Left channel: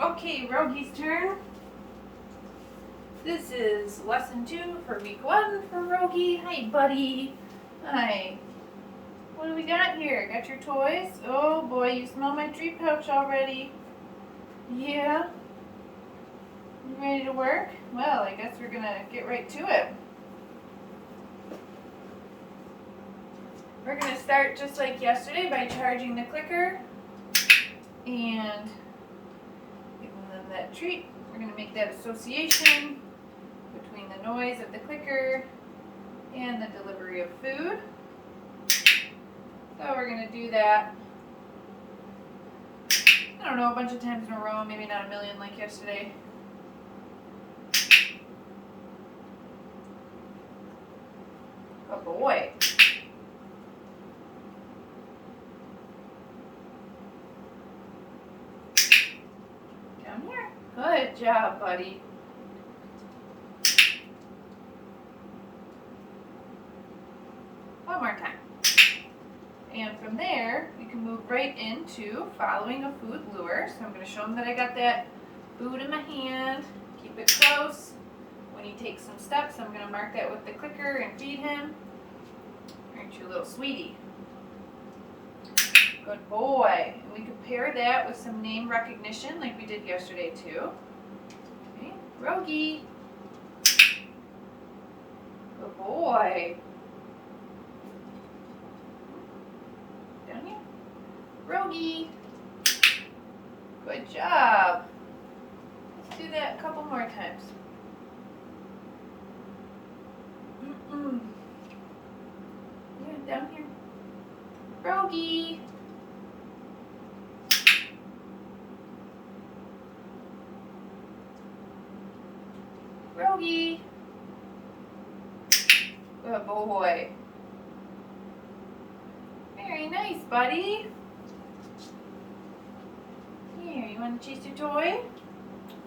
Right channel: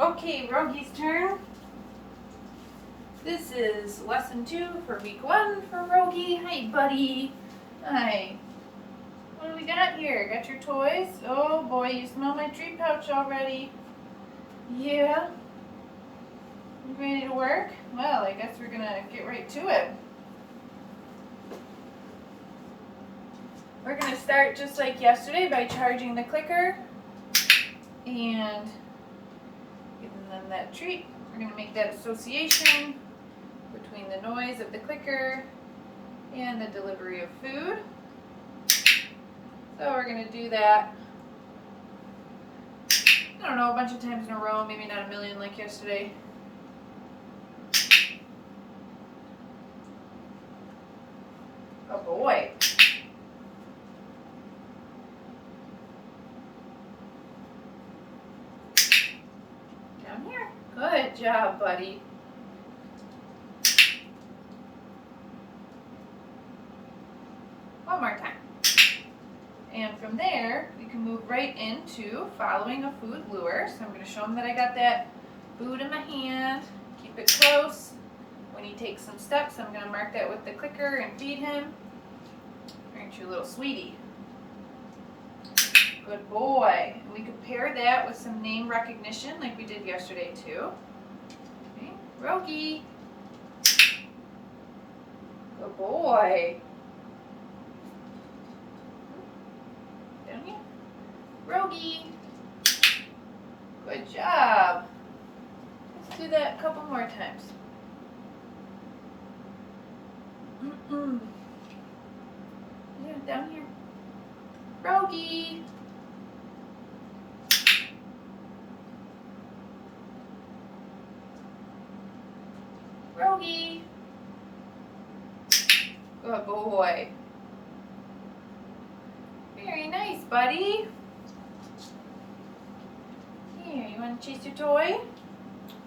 Okay, Rogie's turn. This is lesson 2 for week 1 for Rogie. Hi, buddy. Hi. What do we got here? Got your toys? Oh boy, you smell my treat pouch already. Yeah? You ready to work? Well, I guess we're gonna get right to it. We're gonna start just like yesterday by charging the clicker and giving them that treat. We're gonna make that association between the noise of the clicker and the delivery of food. So we're gonna do that, I don't know, a bunch of times in a row, maybe not a million like yesterday. Good boy. Down here. Good job, buddy. One more time. And from there, we can move right into following a food lure. So I'm going to show him that I got that food in my hand. Keep it close. When he takes some steps, I'm going to mark that with the clicker and feed him. Aren't you a little sweetie? Good boy. And we could pair that with some name recognition like we did yesterday too. Okay. Rogie. Good boy. Down here. Rogie. Good job. Let's do that a couple more times. Yeah, down here. Rogie. Rogie. Good boy. Very nice, buddy. Here, you want to chase your toy?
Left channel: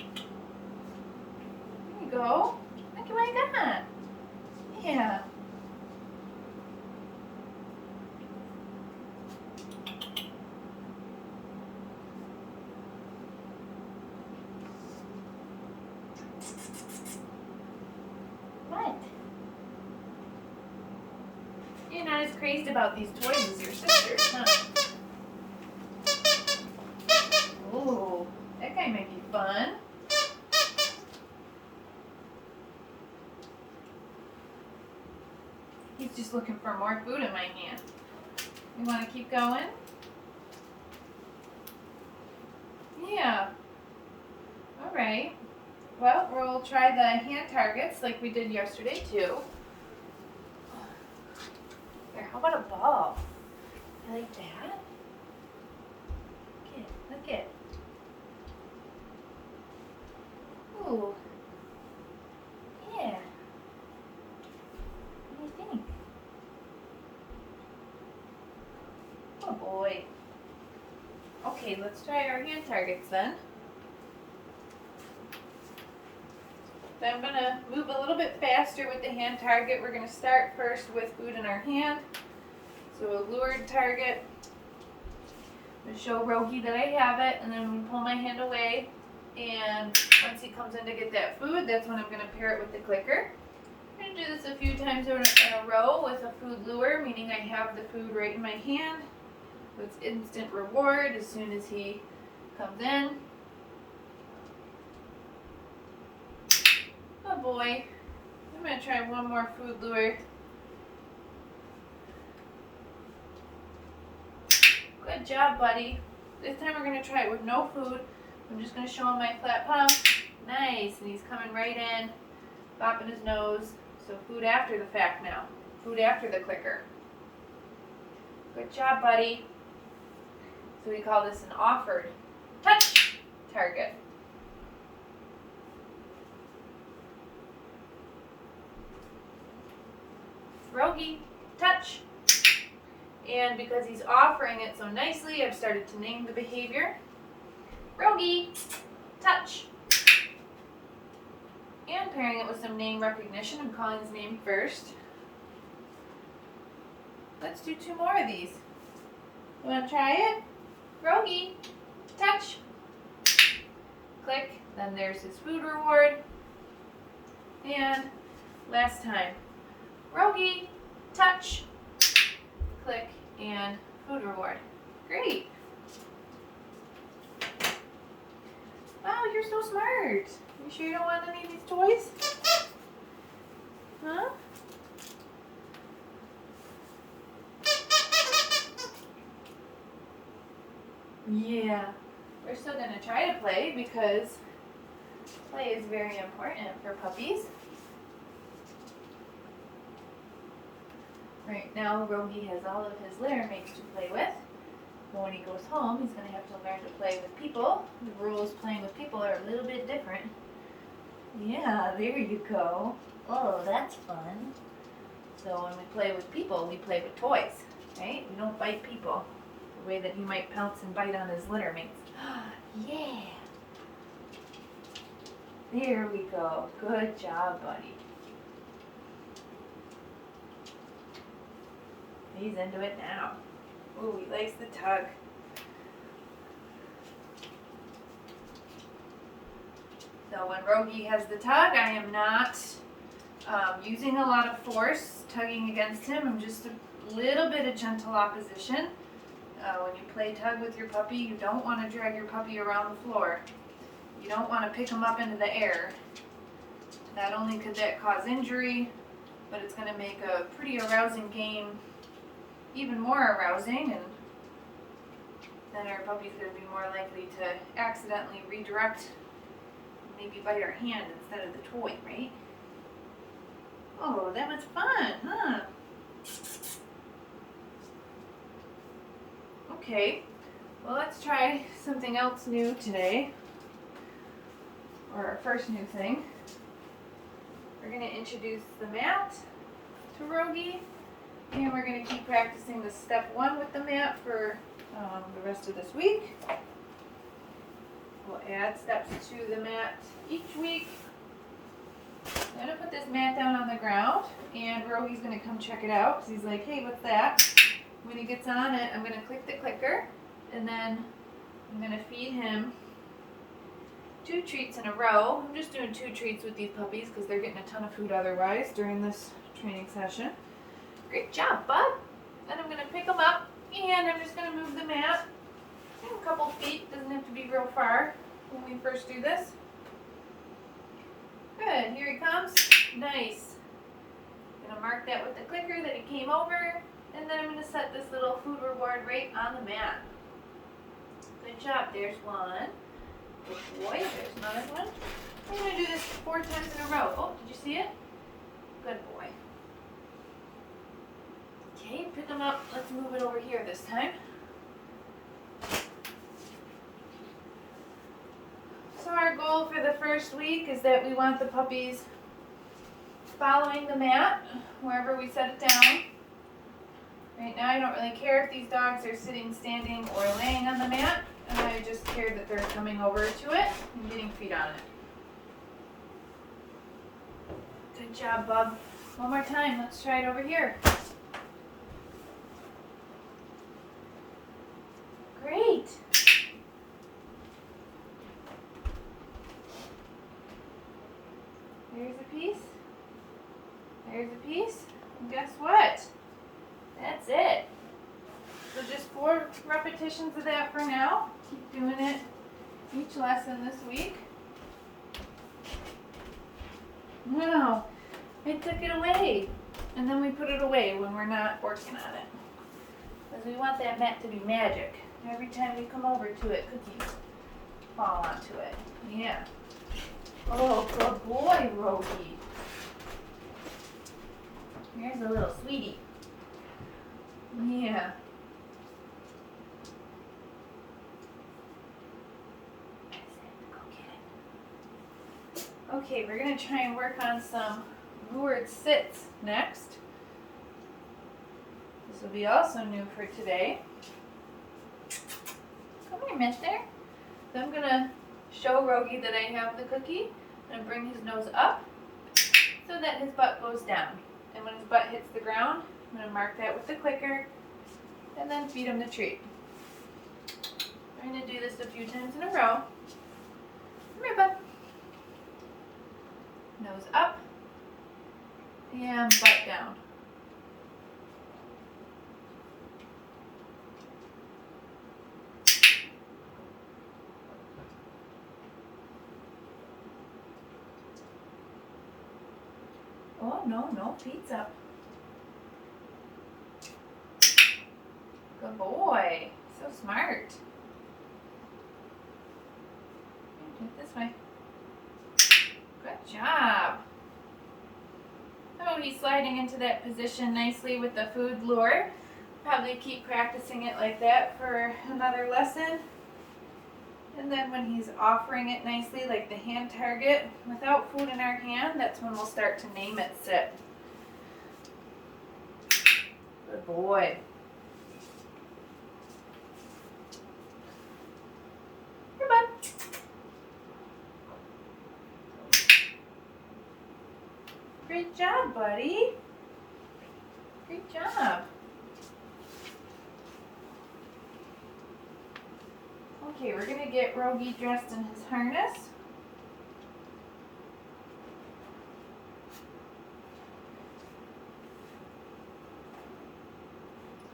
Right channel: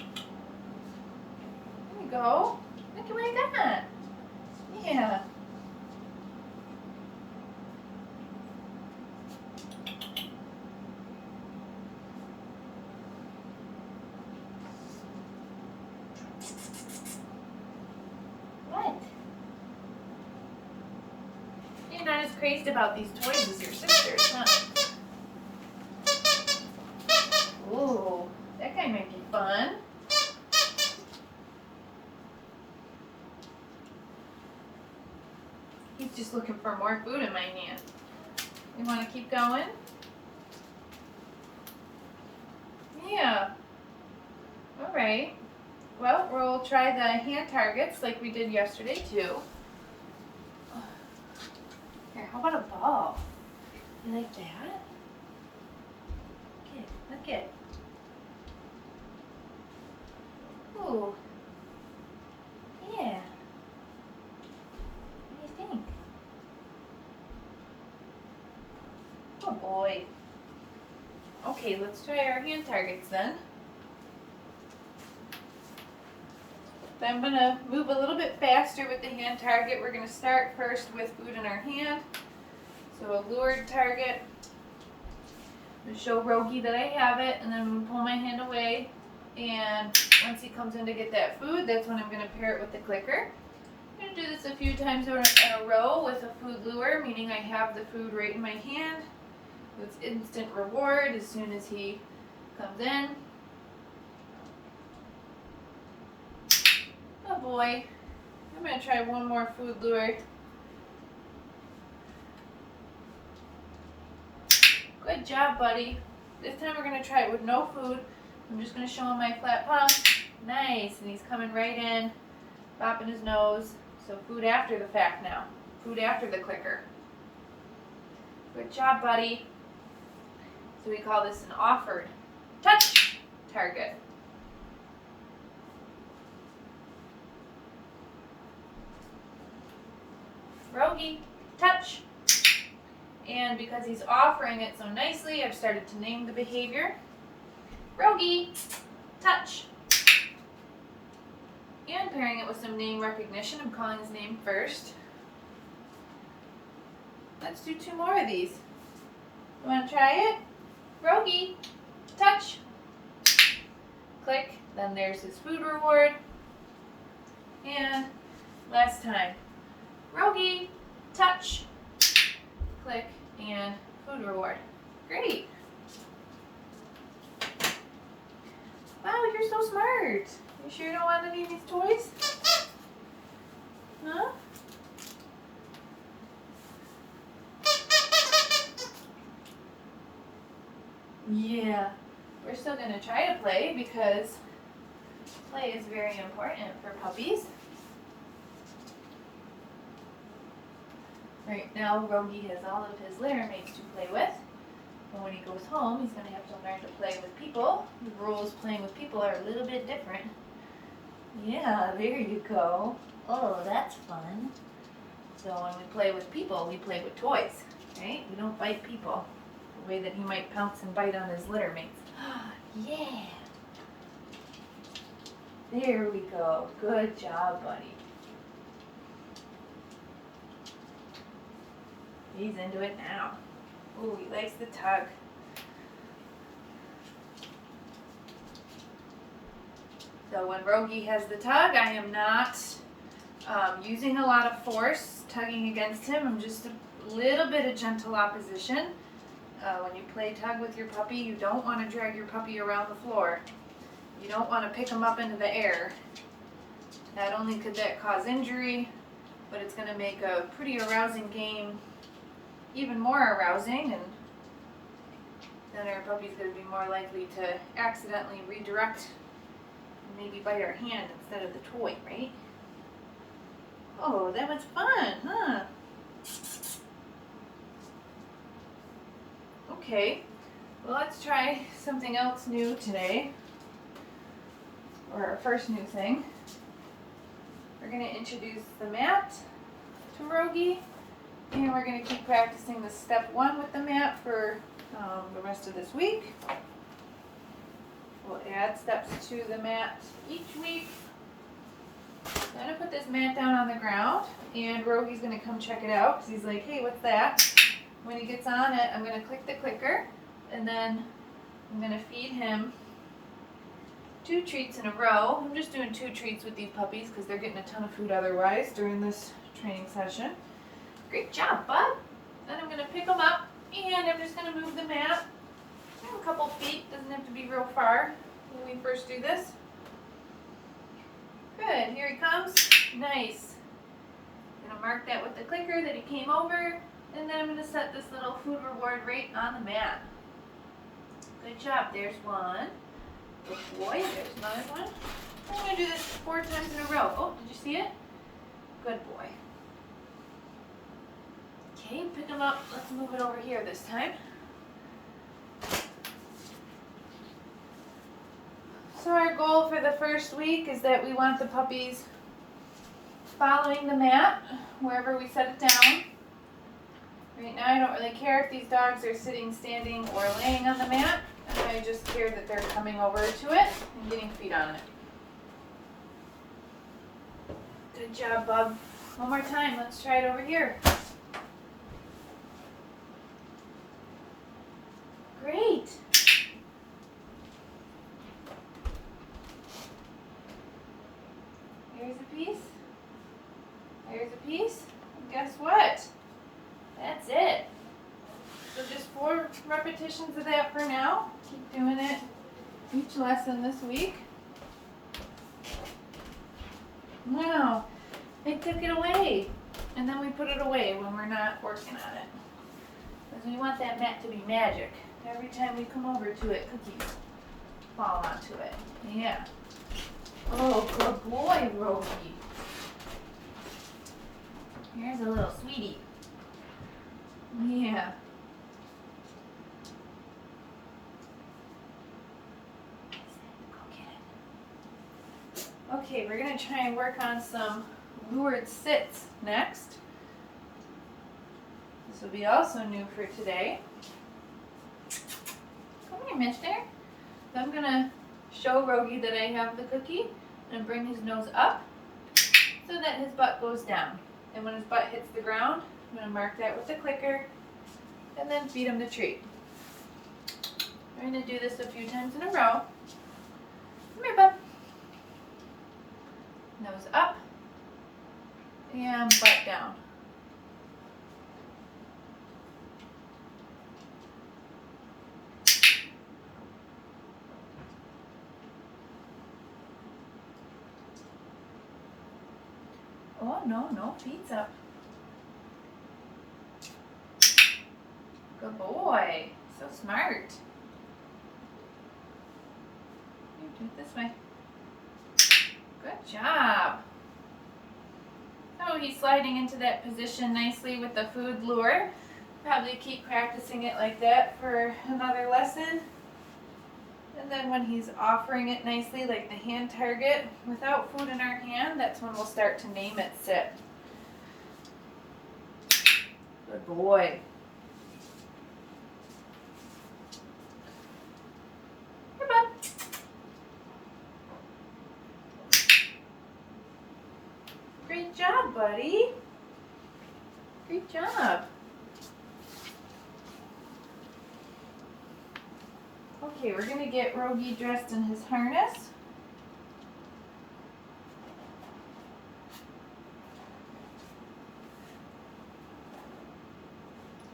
There you go. Look at what I got. Yeah. What? You're not as crazy about these toys as your sisters, huh? Ooh, that guy might be fun. He's just looking for more food in my hand. You want to keep going? Yeah. All right. Well, we'll try the hand targets like we did yesterday too. Here, how about a ball? You like that? Look it. Ooh. Yeah. What do you think? Oh boy. Okay, let's try our hand targets then. I'm going to move a little bit faster with the hand target. We're going to start first with food in our hand. So a lured target. I'm going to show Rogie that I have it, and then I'm going to pull my hand away. And once he comes in to get that food, that's when I'm going to pair it with the clicker. I'm going to do this a few times in a row with a food lure, meaning I have the food right in my hand. So it's instant reward as soon as he comes in. Good boy. I'm going to try one more food lure. Good job, buddy. This time we're going to try it with no food. I'm just going to show him my flat palm. Nice. And he's coming right in, bopping his nose. So food after the fact now. Food after the clicker. Good job, buddy. So we call this an offered touch target. Rogie, touch. And because he's offering it so nicely, I've started to name the behavior. Rogie, touch. And pairing it with some name recognition, I'm calling his name first. Let's do 2 more of these. You want to try it? Rogie, touch. click, then there's his food reward. And last time, Rogie, touch, click, and food reward. Great. Wow, you're so smart. You sure you don't want any of these toys? Huh? Yeah. We're still going to try to play because play is very important for puppies. Right now, Rogie has all of his litter mates to play with. But when he goes home, he's going to have to learn to play with people. The rules playing with people are a little bit different. Yeah, there you go. Oh, that's fun. So when we play with people, we play with toys, right? We don't bite people the way that he might pounce and bite on his litter mates. Yeah. There we go. Good job, buddy. He's into it now. Oh, he likes the tug. So when Rogie has the tug, I am not using a lot of force tugging against him. I'm just a little bit of gentle opposition. When you play tug with your puppy, you don't want to drag your puppy around the floor. You don't want to pick him up into the air. Not only could that cause injury, but it's going to make a pretty arousing game even more arousing, and then our puppy's going to be more likely to accidentally redirect, maybe bite our hand instead of the toy, right? Oh, that was fun, huh? Okay, well, let's try something else new today, or our first new thing. We're going to introduce the mat to Rogie. And we're going to keep practicing with step 1 with the mat for the rest of this week. We'll add steps to the mat each week. I'm going to put this mat down on the ground, and Rogie's going to come check it out because he's like, hey, what's that? When he gets on it, I'm going to click the clicker, and then I'm going to feed him 2 treats in a row. I'm just doing 2 treats with these puppies because they're getting a ton of food otherwise during this training session. Great job, bud. Then I'm going to pick him up, and I'm just going to move the mat a couple feet. Doesn't have to be real far when we first do this. Good. Here he comes. Nice. I'm going to mark that with the clicker that he came over, and then I'm going to set this little food reward right on the mat. Good job. There's one. Good boy. There's another one. I'm going to do this 4 times in a row. Oh, did you see it? Good boy. Okay, pick them up. Let's move it over here this time. So our goal for the first week is that we want the puppies following the mat wherever we set it down. Right now I don't really care if these dogs are sitting, standing, or laying on the mat. I just care that they're coming over to it and getting feet on it. Good job, Bub. One more time. Let's try it over here. Great. Here's a piece. Here's a piece. And guess what? That's it. So just 4 repetitions of that for now. Keep doing it each lesson this week. Wow. I took it away. And then we put it away when we're not working on it. Because we want that mat to be magic. Every time we come over to it, cookies fall onto it. Yeah. Oh, good boy, Rogie. Here's a little sweetie. Yeah. Go get it. Okay, we're going to try and work on some lured sits next. This will be also new for today. Come here, mister. So I'm going to show Rogie that I have the cookie. I'm going to bring his nose up so that his butt goes down. And when his butt hits the ground, I'm going to mark that with the clicker and then feed him the treat. We're going to do this a few times in a row. Come nose up, and butt down. Oh, no, feet's up. Good boy. So smart. Do it this way. Good job. So he's sliding into that position nicely with the food lure. Probably keep practicing it like that for another lesson. And then when he's offering it nicely, like the hand target, without food in our hand, that's when we'll start to name it sit. Good boy. Here, bud. Great job, buddy. Great job. Okay, we're going to get Rogie dressed in his harness.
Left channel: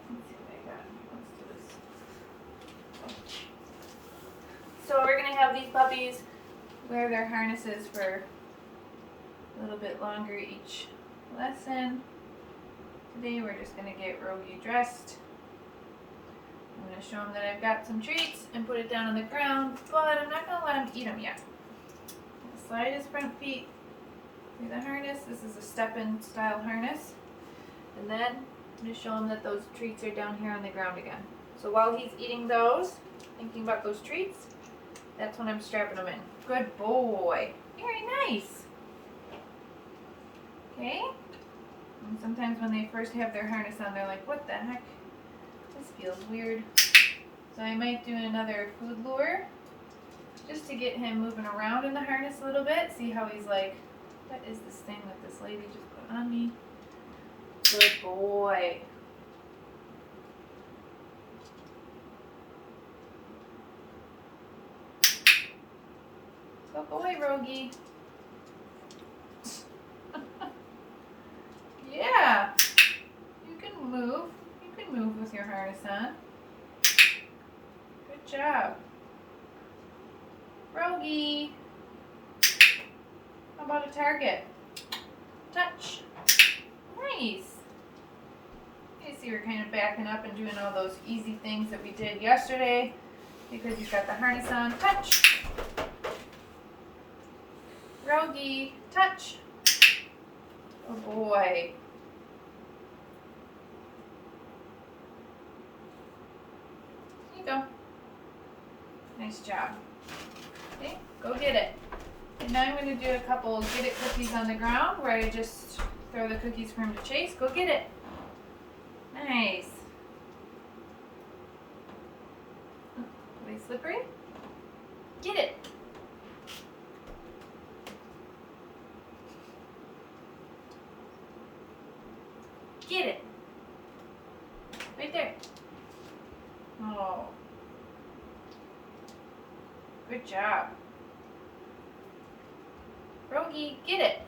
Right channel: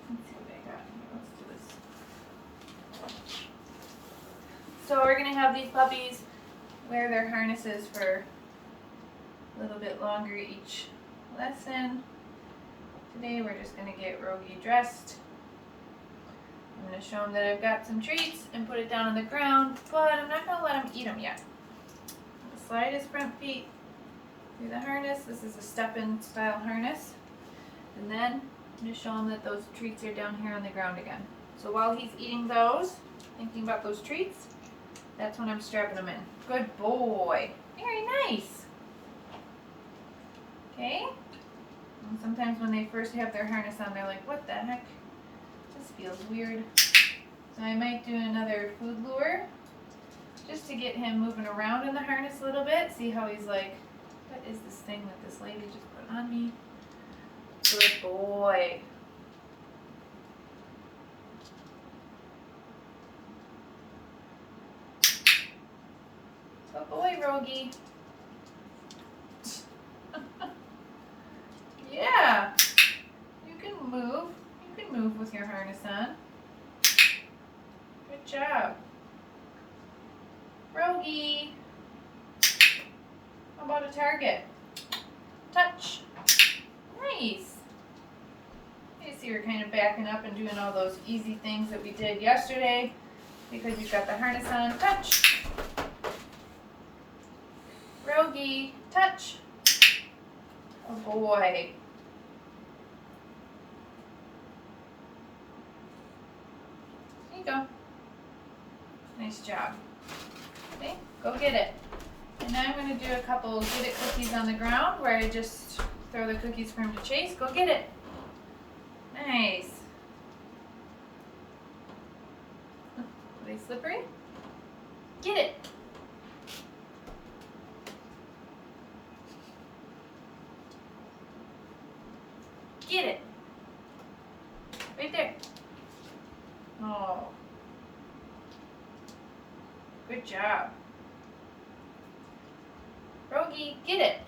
Let's see what I got. Let's do this. So we're going to have these puppies wear their harnesses for a little bit longer each lesson. Today we're just going to get Rogie dressed. I'm going to show him that I've got some treats and put it down on the ground, but I'm not going to let him eat them yet. I'm going to slide his front feet through the harness. This is a step-in style harness. And then I'm going to show him that those treats are down here on the ground again. So while he's eating those, thinking about those treats, that's when I'm strapping them in. Good boy. Very nice. Okay. And sometimes when they first have their harness on, they're like, what the heck? This feels weird. So I might do another food lure just to get him moving around in the harness a little bit. See how he's like, what is this thing that this lady just put on me? Good boy. Good boy, Rogie. Yeah. You can move. You can move with your harness on. Good job. Rogie. How about a target? Touch. Nice. You see we're kind of backing up and doing all those easy things that we did yesterday because you've got the harness on. Touch. Rogie. Touch. Oh boy. There you go. Nice job. Okay, go get it. And now I'm going to do a couple get it cookies on the ground where I just throw the cookies for him to chase. Go get it. Nice. Are they slippery? Get it. Get it. Right there. Oh. Good job. Rogie, get it.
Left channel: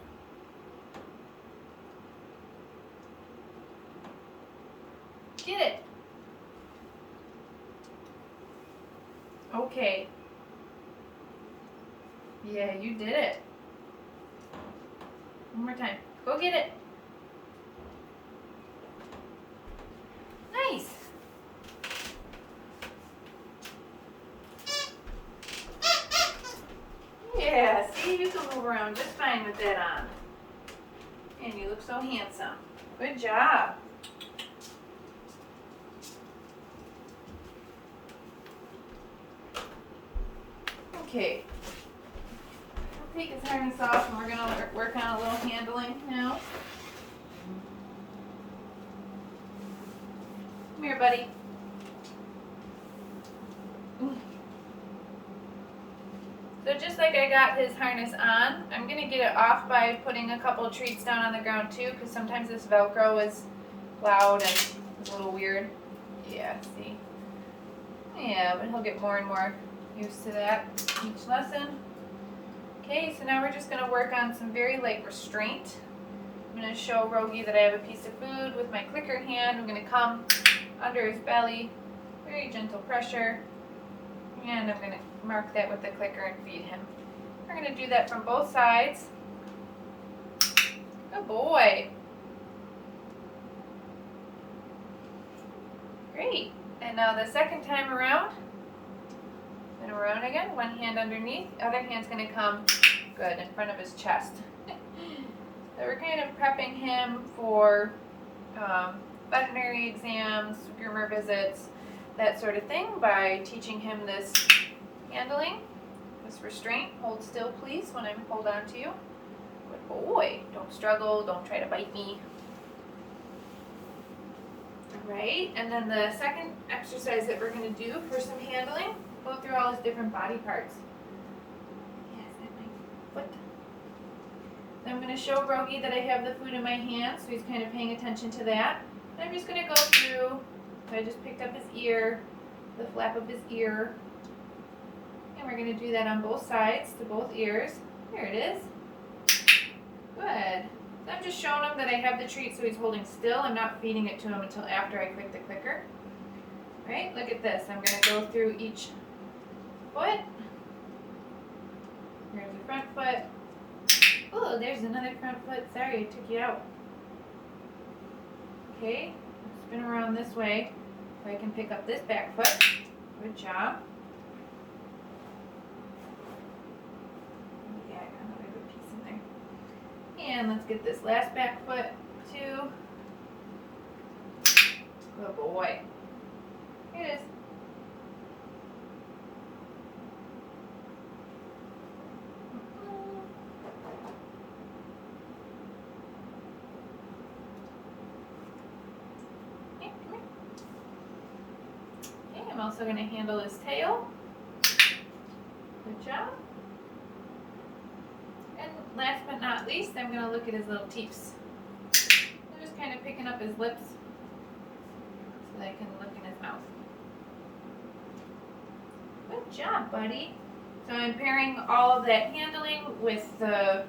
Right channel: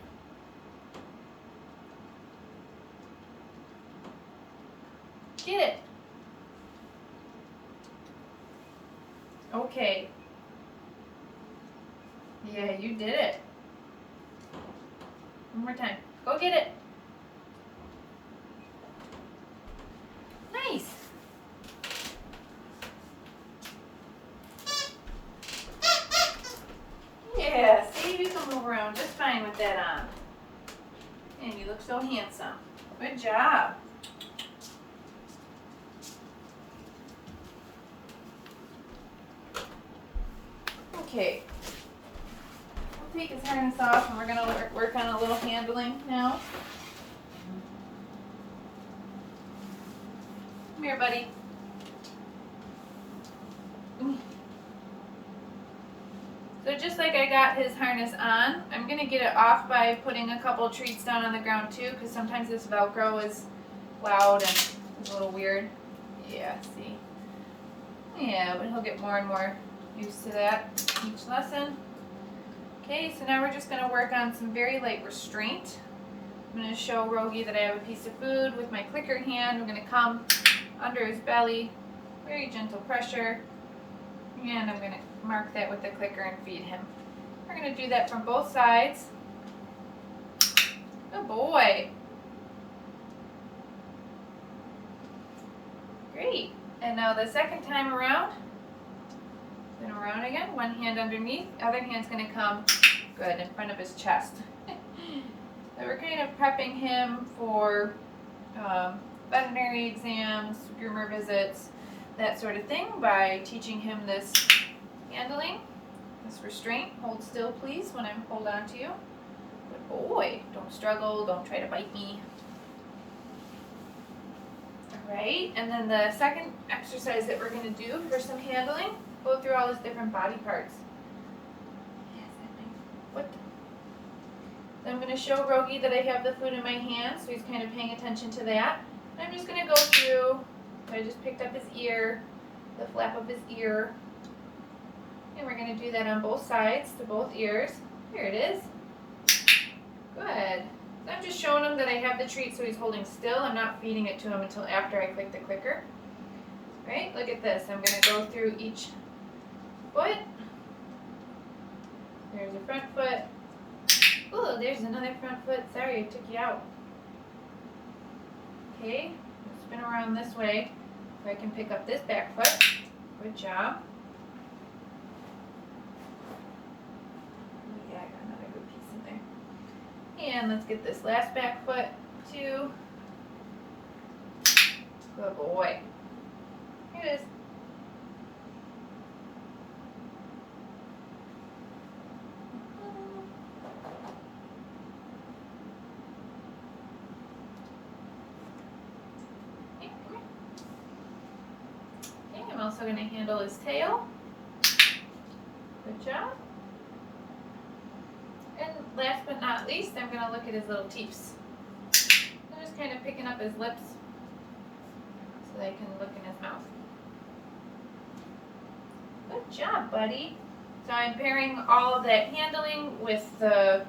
Get it. Okay. Yeah, you did it. One more time. Go get it. Nice. Yeah, see, you can move around just fine with that on. And you look so handsome. Good job. Okay. We'll take his harness off and we're going to work on a little handling now. Come here, buddy. So just like I got his harness on, I'm going to get it off by putting a couple treats down on the ground too, because sometimes this Velcro is loud and it's a little weird. Yeah, see? Yeah, but he'll get more and more used to that each lesson. Okay, so now we're just going to work on some very light restraint. I'm going to show Rogie that I have a piece of food with my clicker hand. I'm going to come under his belly, very gentle pressure, and I'm going to mark that with the clicker and feed him. We're going to do that from both sides. Good boy. Great. And now the second time around, spin around again, one hand underneath, other hand's going to come good in front of his chest. So we're kind of prepping him for veterinary exams, groomer visits, that sort of thing by teaching him this handling, this restraint. Hold still, please, when I hold on to you. Good boy. Don't struggle. Don't try to bite me. Right, and then the second exercise that we're going to do for some handling, go through all his different body parts. Yes, that my foot. Then I'm going to show Rogie that I have the food in my hand, so he's kind of paying attention to that. And I'm just going to go through, so I just picked up his ear, the flap of his ear, and we're going to do that on both sides, to both ears. Here it is. Good. I'm just showing him that I have the treat so he's holding still. I'm not feeding it to him until after I click the clicker. Right? Look at this. I'm going to go through each foot. There's a front foot. Oh, there's another front foot. Sorry, I took you out. Okay. Spin around this way so I can pick up this back foot. Good job. And let's get this last back foot, too. Good boy. Here it is. Okay, come here. Okay, I'm also going to handle his tail. Good job. And last but not least, I'm going to look at his little teeps. I'm just kind of picking up his lips so that I can look in his mouth. Good job, buddy. So I'm pairing all of that handling with the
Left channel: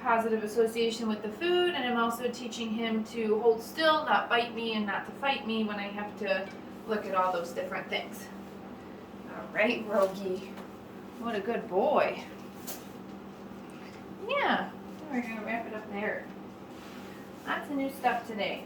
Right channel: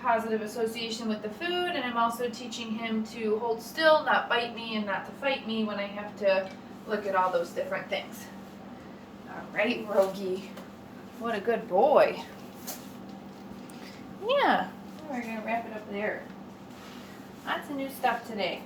positive association with the food, and I'm also teaching him to hold still, not bite me, and not to fight me when I have to look at all those different things. All right, Rogie. What a good boy. Yeah, we're going to wrap it up there. Lots of new stuff today.